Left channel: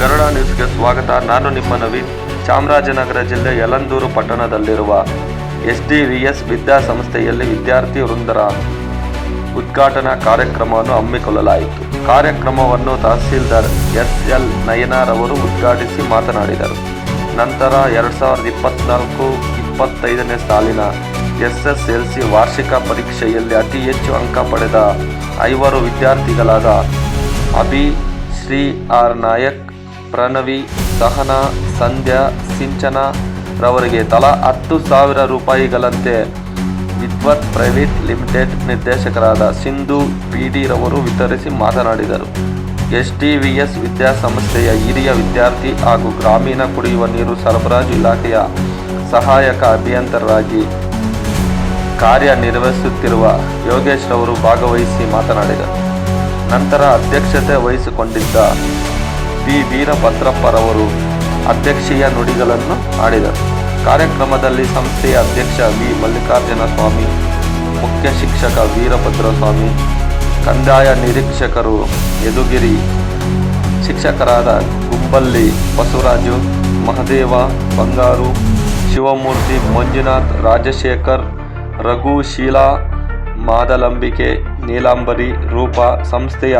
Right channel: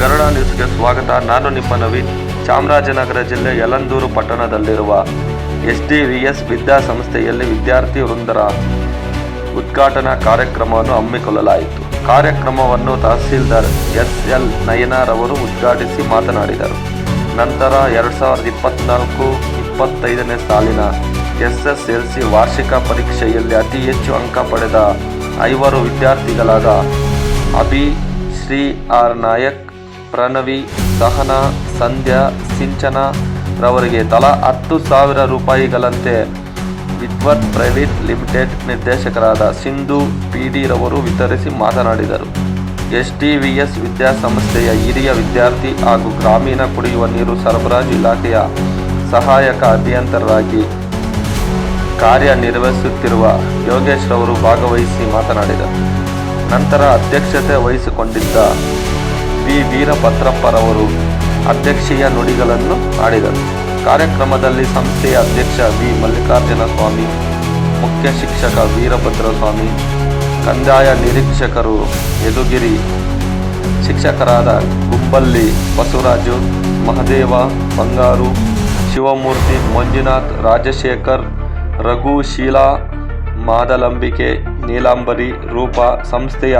ಗರುಡ ನ್ಯೂಸ್ಗೆ ಸ್ವಾಗತ. ನಾನು ನಿಮ್ಮ ನವೀನ್. ಚಾಮರಾಜನಗರ ಜಿಲ್ಲೆ ಯಲಂದೂರು ಪಟ್ಟಣದಲ್ಲಿರುವ ಎಸ್ ಡಿ ವಿ ಎಸ್ ವಿದ್ಯಾಸಂಸ್ಥೆಯಲ್ಲಿ ವಿದ್ಯಾರ್ಥಿ ವೃಂದರ ಉದ್ಘಾಟನಾ ಕಾರ್ಯಕ್ರಮವನ್ನು ಹಮ್ಮಿಕೊಳ್ಳಲಾಯಿತು. ಕಾರ್ಯಕ್ರಮವನ್ನು ತಹಸೀಲ್ದಾರ್ ಎಸ್ ಎಲ್ ನಯನಾರವರು ಉದ್ಘಾಟಿಸಿ ಮಾತನಾಡಿದರು. ನಂತರ ಎರಡು ಸಾವಿರದ ಇಪ್ಪತ್ನಾಲ್ಕು ಇಪ್ಪತ್ತೈದನೇ ಸಾಲಿನ ಎಸ್ ಎಸ್ ಎಲ್ ಸಿ ವಾರ್ಷಿಕ ಪರೀಕ್ಷೆಯಲ್ಲಿ ಅತಿ ಹೆಚ್ಚು ಅಂಕ ಪಡೆದ ಐವರು ವಿದ್ಯಾರ್ಥಿಗಳಾದ ಅಭಿ ಶ್ರೀ ಆರ್ ನಾಯಕ್ ಪ್ರಣವಿ, ಸಹನಾ, ಸಂಧ್ಯಾ, ಸಿಂಚನ ರವರಿಗೆ ತಲಾ ಹತ್ತು ಸಾವಿರ ರೂಪಾಯಿಗಳಂತೆ ವಿದ್ವತ್ ಪ್ರೈವೇಟ್ ಲಿಮಿಟೆಡ್ ನಿರ್ದೇಶಕರಾದ ಸಿಂಧು ಪಿ ಡಿ ರವರು ವಿತರಿಸಿ ಮಾತನಾಡಿದರು. ಎಸ್ ಟಿ ವಿ ಎಸ್ ವಿದ್ಯಾಸಂಸ್ಥೆಯ ಹಿರಿಯ ವಿದ್ಯಾರ್ಥಿ ಹಾಗೂ ಗ್ರಾಮೀಣ ಕುಡಿಯುವ ನೀರು ಸರಬರಾಜು ಇಲಾಖೆಯ ಸಹಾಯಕ ಅಭಿಯಂತರರಾಗಿ ಕಾರ್ಯನಿರ್ವಹಿಸುತ್ತಿರುವ ಯೋಗೇಶ್ ರವರು ಭಾಗವಹಿಸಿ ಮಾತನಾಡಿದರು. ನಂತರ ಅಧ್ಯಕ್ಷತೆ ವಹಿಸಿಕೊಂಡಿದ್ದ ಪಿ ವೀರಭದ್ರಪ್ಪರವರು ಅಧ್ಯಕ್ಷೀಯ ನುಡಿಗಳನ್ನು ಆಡಿದರು. ಕಾರ್ಯಕ್ರಮದಲ್ಲಿ ಸಂಸ್ಥೆಯ ಅಧ್ಯಕ್ಷ ವಿ. ಮಲ್ಲಿಕಾರ್ಜುನ ಸ್ವಾಮಿ ಮುಖ್ಯ ಶಿಕ್ಷಕ ವೀರಭದ್ರಸ್ವಾಮಿ, ಕಂದಾಯ ನಿರೀಕ್ಷಕರು ಯದುಗಿರಿ, ಶಿಕ್ಷಕರಾದ ಗುಂಬಲ್ಲಿ ಬಸವರಾಜು, ಮಹದೇವ, ಬಂಗಾರು, ಶಿವಮೂರ್ತಿ, ಮಂಜುನಾಥ್, ರಾಜಶೇಖರ್, ರಘು, ಶೀಲಾ, ಮಾದಲಂಬಿಕೆ, ನೀಲಾಂಬರಿ, ರೂಪ, ಸಂಸ್ಥೆಯ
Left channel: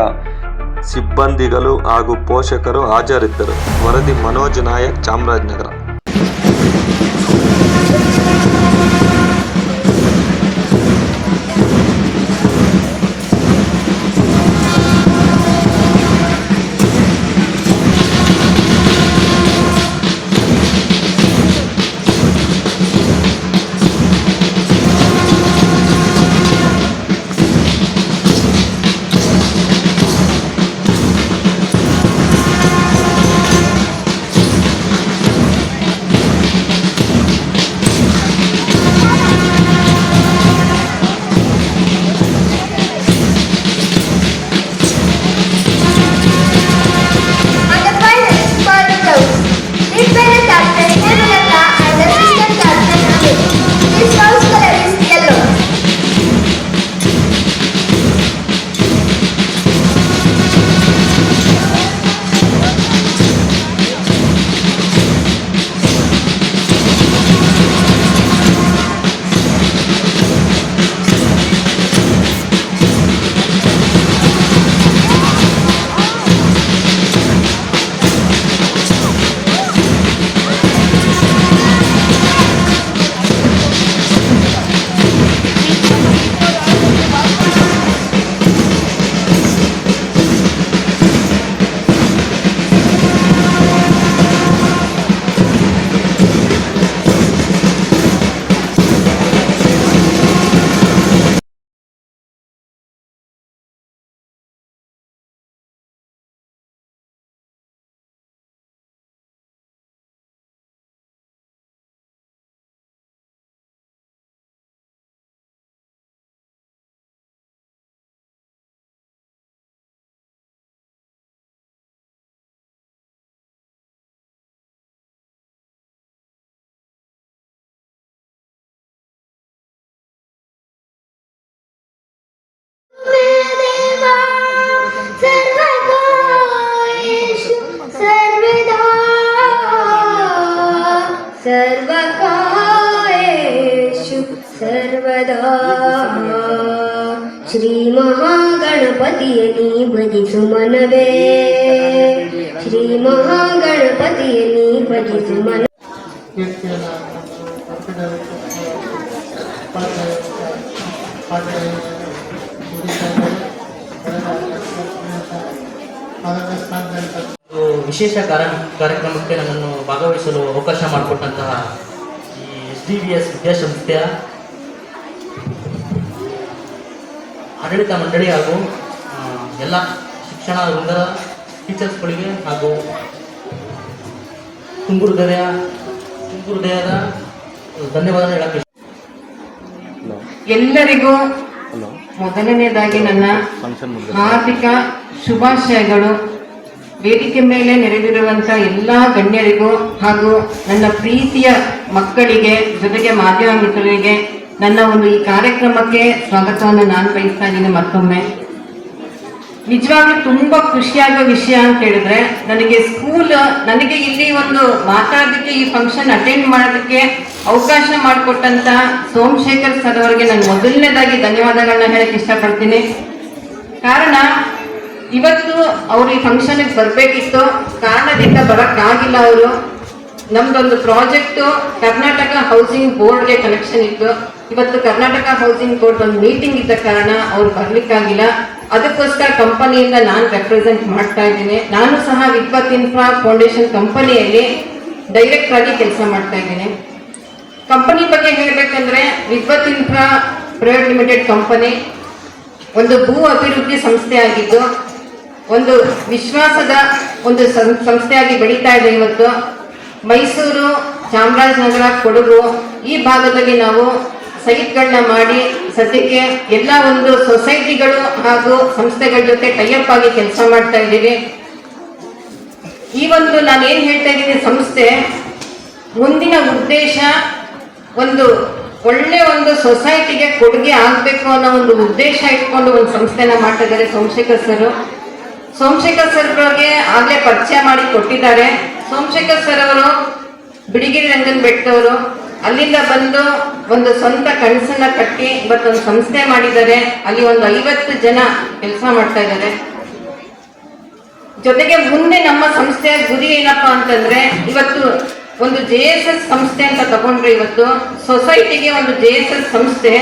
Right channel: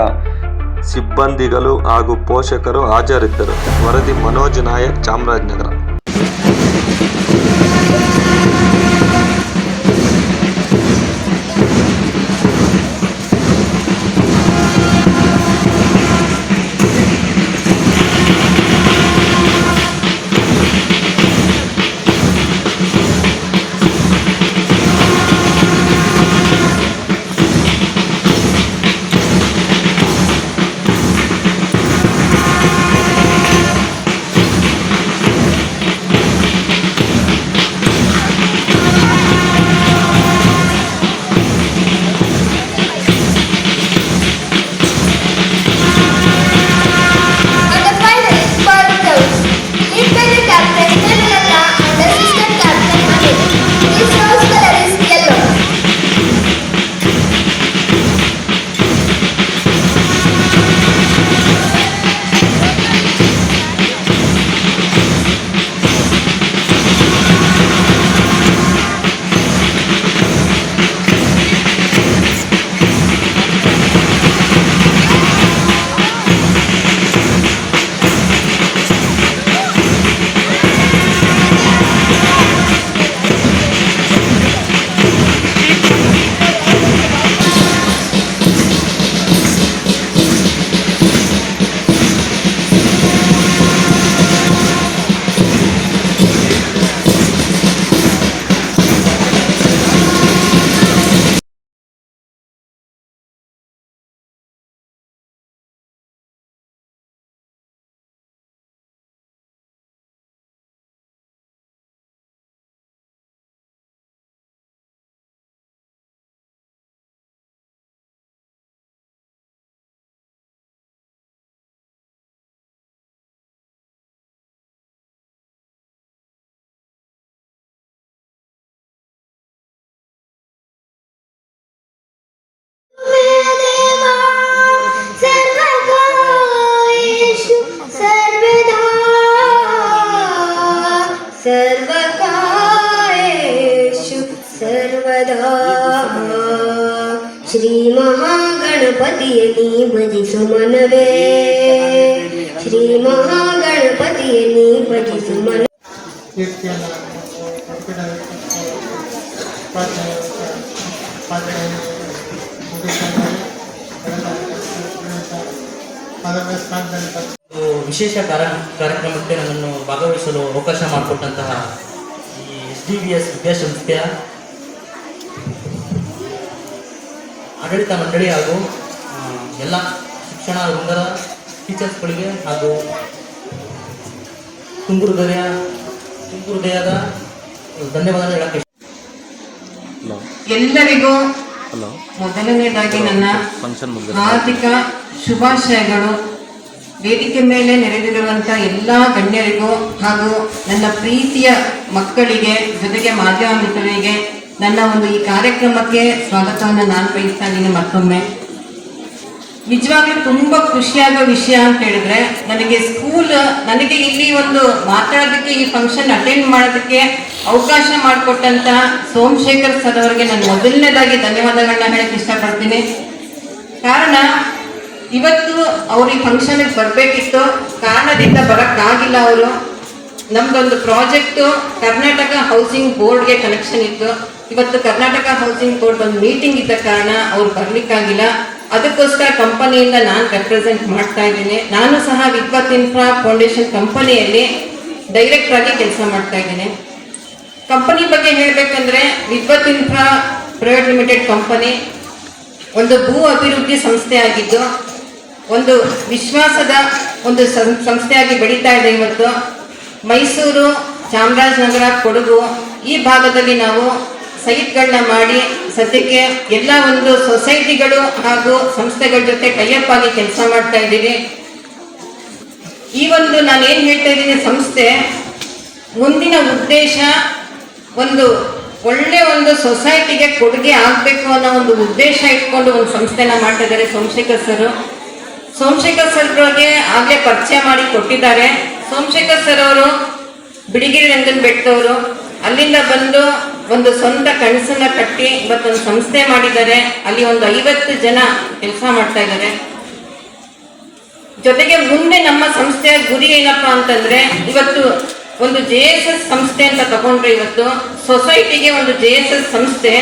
ಸಿಬ್ಬಂದಿಗಳು ಹಾಗೂ ಪೋಷಕರು ಹಾಜರಿದ್ದರು. ವರದಿ ಮನೋಜ್ ನಾಯಕ್ ಚಾಮರಾಜನಗರ. ಶ್ರೀಮಹಾಗಣಪತಿಯ ನೀ ಭಜಿಸು ಮನವೇ. ಶ್ರೀಮಹಾಗಣಪತಿಯ ನೀ ಭಜಿಸು ಮನ ಶ್ರೀ ವಿಶೇಷ ಕಾರ್ಯ ಕಾರ್ಯಕ್ರಮಕ್ಕೆ ನನ್ನನ್ನು ಭಾಗವಹಿಸಲು ಅವಕಾಶ ಮಾಡಿಕೊಟ್ಟಂತಹ ಈ ಎಸ್ ಡಿ ಬಿ ಎಸ್ ವಿದ್ಯಾಸಂಸ್ಥೆಯ ಆಡಳಿತ ಮಂಡಳಿ ಹಾಗೂ ಎಲ್ಲ ಶಿಕ್ಷಣ ವೃಂದರ ಟೀಚರ್ಸ್ಗಳಿಗೆ ಹಾಗೂ ತುಂಬು ದಯ ತುಂಬು ಹೃದಯದ ಧನ್ಯವಾದ ಹೇಳಕ್ಕೆ ಎಲ್ಲರಿಗೂ ಮೊದಲನೇದಾಗಿ ನನ್ನ ಹಾರ್ದಿಕ ಶುಭಾಶಯಗಳು. ವೇದಿಕೆ ಮೇಲೆ ನೆರೆದಿರುವಂಥ ಎಲ್ಲ ಗಣ್ಯರಿಗೂ ಹಾಗೂ ನನ್ನ ಪ್ರೀತಿಯ ಮಕ್ಕಳಿಗೆ ಜೊತೆಗೆ ಮಾಧ್ಯಮ ಮಿತ್ರರಿಗೆ ನನ್ನ ಒಂದು ಈ ಕಾರ್ಯಕ್ರಮಕ್ಕೆ ಸ್ವಾಗತವನ್ನು ನಾನು ಬಯಸ್ತಾ ಇದ್ದೀನಿ ಮತ್ತೊಮ್ಮೆ. ನಿಜವಾಗ್ಲೂ ತುಂಬಾ ಖುಷಿಯಾಗುವ ವಿಷಯ ಅಂತ ಹೇಳಿದ್ರೆ, ನನಗೆ ಸ್ಕೂಲ್ ನನಗೆ ಇಲ್ಲಿ ಒಂದು ಮಾತಾಡೋದಕ್ಕೆ ಈ ಫಂಕ್ಷನ್ ಅಟೆಂಡ್ ಮಾಡೋದಕ್ಕೆ ಅವಕಾಶ ಮಾಡಿಕೊಟ್ಟಂತ ಸೋಮಶೇಖರ್ ಸರ್ ಅವರಿಗೆ ನಾನು ಮೊದಲನೇದಾಗಿ ಧನ್ಯವಾದಗಳನ್ನ ಹೇಳಕ್ಕೆ ಇಷ್ಟಪಡ್ತೀನಿ. ಕಾರಣ, ಇವತ್ತು ಅವ್ರು ಈ ಫಂಕ್ಷನ್ಗೆ ಬರಬೇಕಿತ್ತು. ಕಾರಣದಿಂದ ಬರೋಕ್ಕಾಗಿಲ್ಲ ಅವರು. ನಮ್ದೊಂದು ಪ್ರಾಜೆಕ್ಟ್ ಕರ್ನಾಟಕ ಹೌಸಿಂಗ್ ಬೋರ್ಡ್ಗೆ ಕನೆಕ್ಷನ್ ಇತ್ತು. ಇವತ್ತು ಕರ್ನಾಟಕ ಹೌಸಿಂಗ್ ಬೋರ್ಡ್ ಒಂದು ಮೀಟಿಂಗ್ ಇದ್ದ ಕಾರಣ ಅವ್ರು ಬರ್ಲಿಕ್ಕಾಗಿಲ್ಲ. ಅದಕ್ಕೋಸ್ಕರ ಕಂಪನಿಯಿಂದ ನಾನು ರೆಪ್ರೆಸೆಂಟ್ ಮಾಡ್ತಾ ಇದ್ದೀನಿ. ನಾನು ಸಹ ವಿದ್ವತ್ ಇನ್ಫ್ರಾ ಫೌಂಡೇಶನ್ ಕಂಪನಿಯಲ್ಲಿ ಡೈರೆಕ್ಟ್ ಆಗಿ ಕೆಲಸ ಮಾಡ್ತಾ ಇದ್ದೀನಿ. ಕಂಪನಿ ಬಗ್ಗೆ ಹೇಳಬೇಕಂದ್ರೆ ವಿದ್ವತ್ ಇನ್ಫ್ರಾ ಪ್ರೈವೇಟ್ ಲಿಮಿಟೆಡ್ ಕಂಪನಿ ಒಂದು ಭೂ ಅಭಿವೃದ್ಧಿ ಸಂಸ್ಥೆ ಆಗಿದ್ದು, ಒಂದು ವಿಶ್ವಾಸದ ಒಂದು ಸಂಸ್ಥೆಯಾಗಿ ಬೆಳೀತಾ ಇದೆ ಇವತ್ತು. ಮೈಸೂರು ಚಾಮರಾಜನಗರ, ಕೊಡಗು, ಈ ಭಾಗದಲ್ಲಿ ನಾವು ಸೈಟ್ಗಳನ್ನ ಮಾಡಿ ಸದ್ಯಕ್ಕೆ ಎಲ್ಲ ಒಂದು ಸೊಸೈಟಿಗಳು ಹಾಗೂ ಸಂಸ್ಥೆಗಳ ಜೊತೆ ಟೈಅಪ್ ಆಗಿ ಕೆಲಸ ಮಾಡ್ತಾ ಇದ್ದೀವಿ. ಈ ಒಂದು ನಾನು ಏನು ಹೇಳ್ತಾ ಇದ್ದೀನಿ ಸಂಸ್ಥೆ, ಮುಂದಿನ ಉದ್ದೇಶ ಒಂದು ಒಳ್ಳೆ ಒಂದು ಸೊಸೈಟಿಗೆ ಕೊಡುಗೆ ಆಗಬೇಕು ಅನ್ನೋ ಒಂದು ಉದ್ದೇಶ ಇಟ್ಕೊಂಡು ಒಂದು ಸಂಸ್ಥೆನ ಮಾಡ್ತಾ ಇದ್ದಾರೆ ಸೋಮಶೇಖರ್ ಸರ್. ಸೋಮಶೇಖರ್ ಸರ್ಗೆ ಆಗಲೇ ಆಗ್ಲೇ ಪರಿಚಯ ಮಾಡಿ ಕೊಟ್ಟಿದ್ದಾರೆ. ಸೋಮಶೇಖರ್ ಸರ್ ಅವರು ಬಿಡಿಗಿರಿ ರಂಗನ್ ಬೆಟ್ಟವರು ಅಲ್ಲಿಂದ ಬಂದು ಒಂದು ಸ್ವಂತ ಕನಸನ್ನ ಕಟ್ಟಿ ಇವತ್ತೊಂದು ಸಂಸ್ಥೆ ಮಾಡಿದ್ದಾರೆ. ಅಲ್ಲಿ ಒಂದು ಐವತ್ತು ಜನ ಕೆಲಸ ಮಾಡ್ತಾ ಇದ್ದಾರೆ. ಜೊತೆಗೆ ಮುಂದೆ ನಮ್ಮ ಸಂಸ್ಥೆಯ ಗುರಿ ಏನಪ್ಪಾ ಅಂತಂದ್ರೆ, ಇವತ್ತು ಒಂದು ಜೆ ಎಸ್ ಎಸ್ ಸಂಸ್ಥೆ ಅಂತ ತಗೊಂಡ್ರೆ ಇವತ್ತು. ಸೊಸೈಟಿಗೆ ಒಂದು ಜೆ ಎಸ್ ಎಸ್ ಸಂಸ್ಥೆ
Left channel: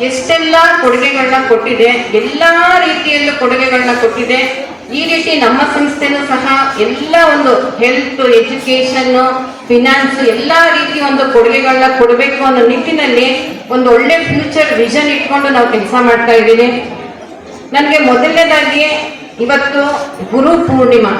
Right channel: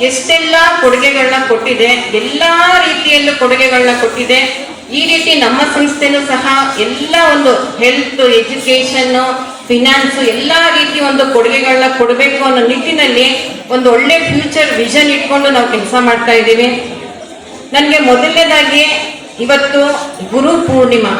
ಎಷ್ಟೆಲ್ಲ ಕೊಡುಗೆಗಳನ್ನ ಕೊಟ್ಟಿದೆ, ಎಲ್ಲಾ ರೀತಿಯಲ್ಲೂ ಕೊಡುಗೆಗಳನ್ನ ಕೊಟ್ಟಿದೆ. ಈ ರೀತಿ ನಮ್ಮ ಸಂಸ್ಥೆನೂ ಸಹ ಎಲ್ಲ ಒಂದು ಹೆಲ್ತ್ ಎಜುಕೇಶನ್ ಫಿನಾನ್ಸ್ ಎಲ್ಲ ರೀತಿ ಒಂದು ಕೊಡುಗೆಗಳನ್ನ ಕೊಡಬೇಕು ಅನ್ನೋ ನಿಟ್ಟಿನಲ್ಲಿ ಒಂದು ಒಳ್ಳೆ ಫ್ಯೂಚರ್ ವಿಷನ್ ಇಟ್ಕೊಂಡು ನಾವು ಕೆಲಸ ಮಾಡ್ತಾ ಇದ್ದೀವಿ. ನನಗೆ ಮೊದಲನೇದಾಗಿ ಇವತ್ತು ಗುರು ಪೂರ್ಣಿಮಾ.